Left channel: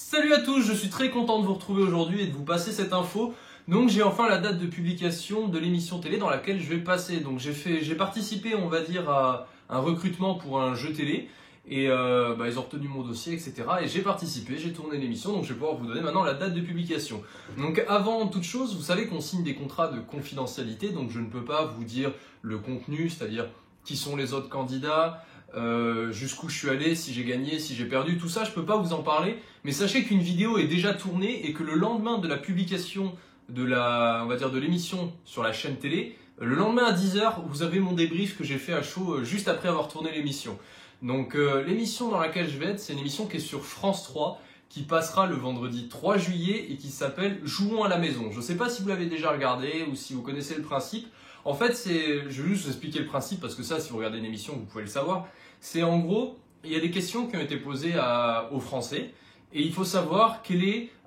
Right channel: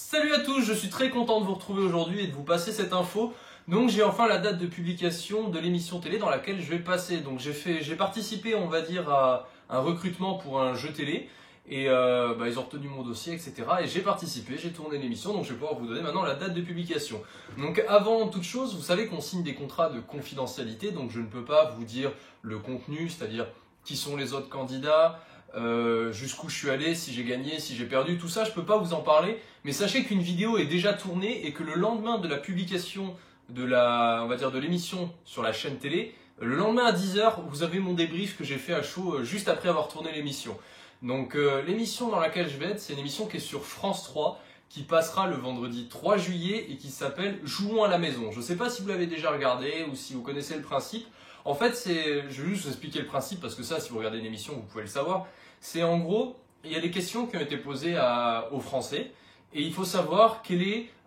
Salut à tous, je suis très content de vous retrouver aujourd'hui et de vous passer cette info. Donc j'ai enfin la date de publication de l'émission télé dans laquelle je vais passer. Donc j'ai participé, on va dire, à un recrutement pour un jeu télé et ils ont retenu mon dossier, etc. Et j'ai participé, j'ai tourné l'émission, donc je vais pouvoir vous donner maintenant la date de publication. Donc avant toute chose, vous savez qu'on signe des contrats de confidentialité, donc je ne peux pas vous dire le contenu, c'est-à-dire qui sont les autres candidats, jusqu'où je suis allé, si j'ai gagné, si j'ai perdu, tout ça je peux pas vous en parler, mais sachez qu'une vidéo est déjà tournée et que le lendemain de la publication de de l'émission sur la chaîne télé, le lendemain à 10h, vous avez mon débrief que j'ai fait à chaud juste après avoir tourné l'émission. Donc l'émission dans laquelle je vais être, c'est une émission qui est sur France 3, qui passera le vendredi 3 juillet et qui s'appelle Jouons à la maison. Je ne sais pas si vous l'avez déjà regardé ou si vous connaissez le principe. En fait, je vais juste vous expliquer le principe parce que ça, si vous regardez une émission, vous pouvez le savoir. C'est en gros, il y a des questions qui ont été posées aux Français et il faut savoir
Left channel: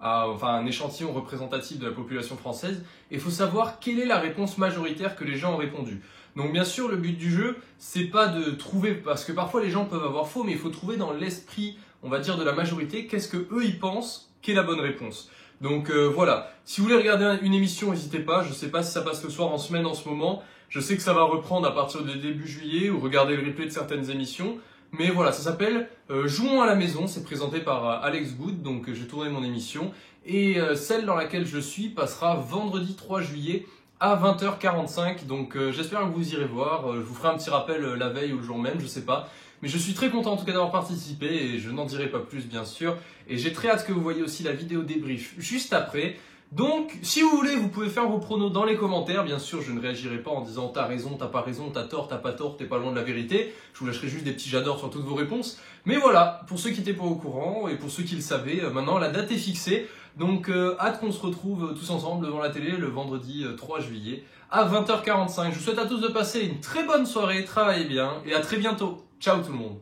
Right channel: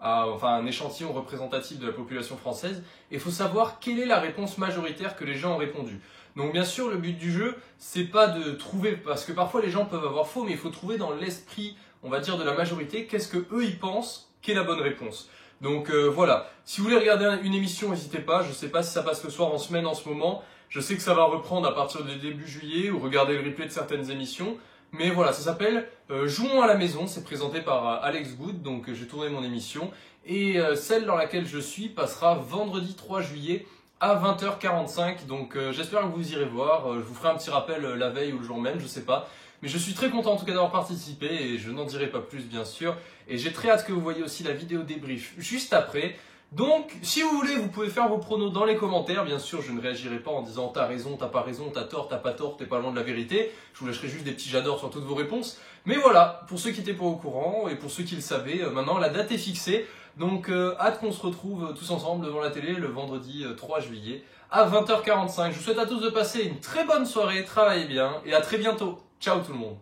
un échantillon représentatif de la population française, et il faut savoir quelle est la réponse majoritaire que les gens ont répondu. Donc bien sûr, le but du jeu, c'est pas de trouver, parce que parfois les gens peuvent avoir faux, mais il faut trouver dans l'esprit, on va dire, de la majorité, qu'est-ce que eux ils pensent qu'est la bonne réponse. Donc voilà, si vous voulez regarder une émission, n'hésitez pas, je ne sais pas si ça passe le soir en semaine en ce moment, je sais que ça va reprendre à partir de début juillet, ou regarder le replay de certaines émissions, mais voilà, ça s'appelle Jouons à la maison, c'est présenté par Alex Good, donc j'ai tourné mon émission, et celle dans laquelle je suis passera vendredi 3 juillet à 20h45, donc j'espère que vous irez voir, je vous ferai un petit rappel la veille ou le jour même, je sais pas. Mais je suis très content en tout cas d'avoir participé et je n'en dirai pas plus bien sûr. Et j'ai très hâte que vous voyez aussi la vidéo débrief juste après. Donc si vous voulez, vous pouvez faire vos pronos dans les commentaires. Bien sûr, je ne réagirai pas en disant t'as raison, t'as pas raison, t'as tort, t'as pas tort, t'es pas loin de la vérité. Je vous lâcherai juste des petits j'adore sur toutes vos réponses. Mais voilà, pour ceux qui n'étaient pas au courant et pour ceux qui le savaient, maintenant la date est fixée. Donc hâte qu'on se retrouve tous ensemble devant la télé le vendredi 3 juillet à 20h45. Je vous souhaite à tous de passer une très bonne soirée, travaillez bien et à très bientôt. Ciao tout le monde.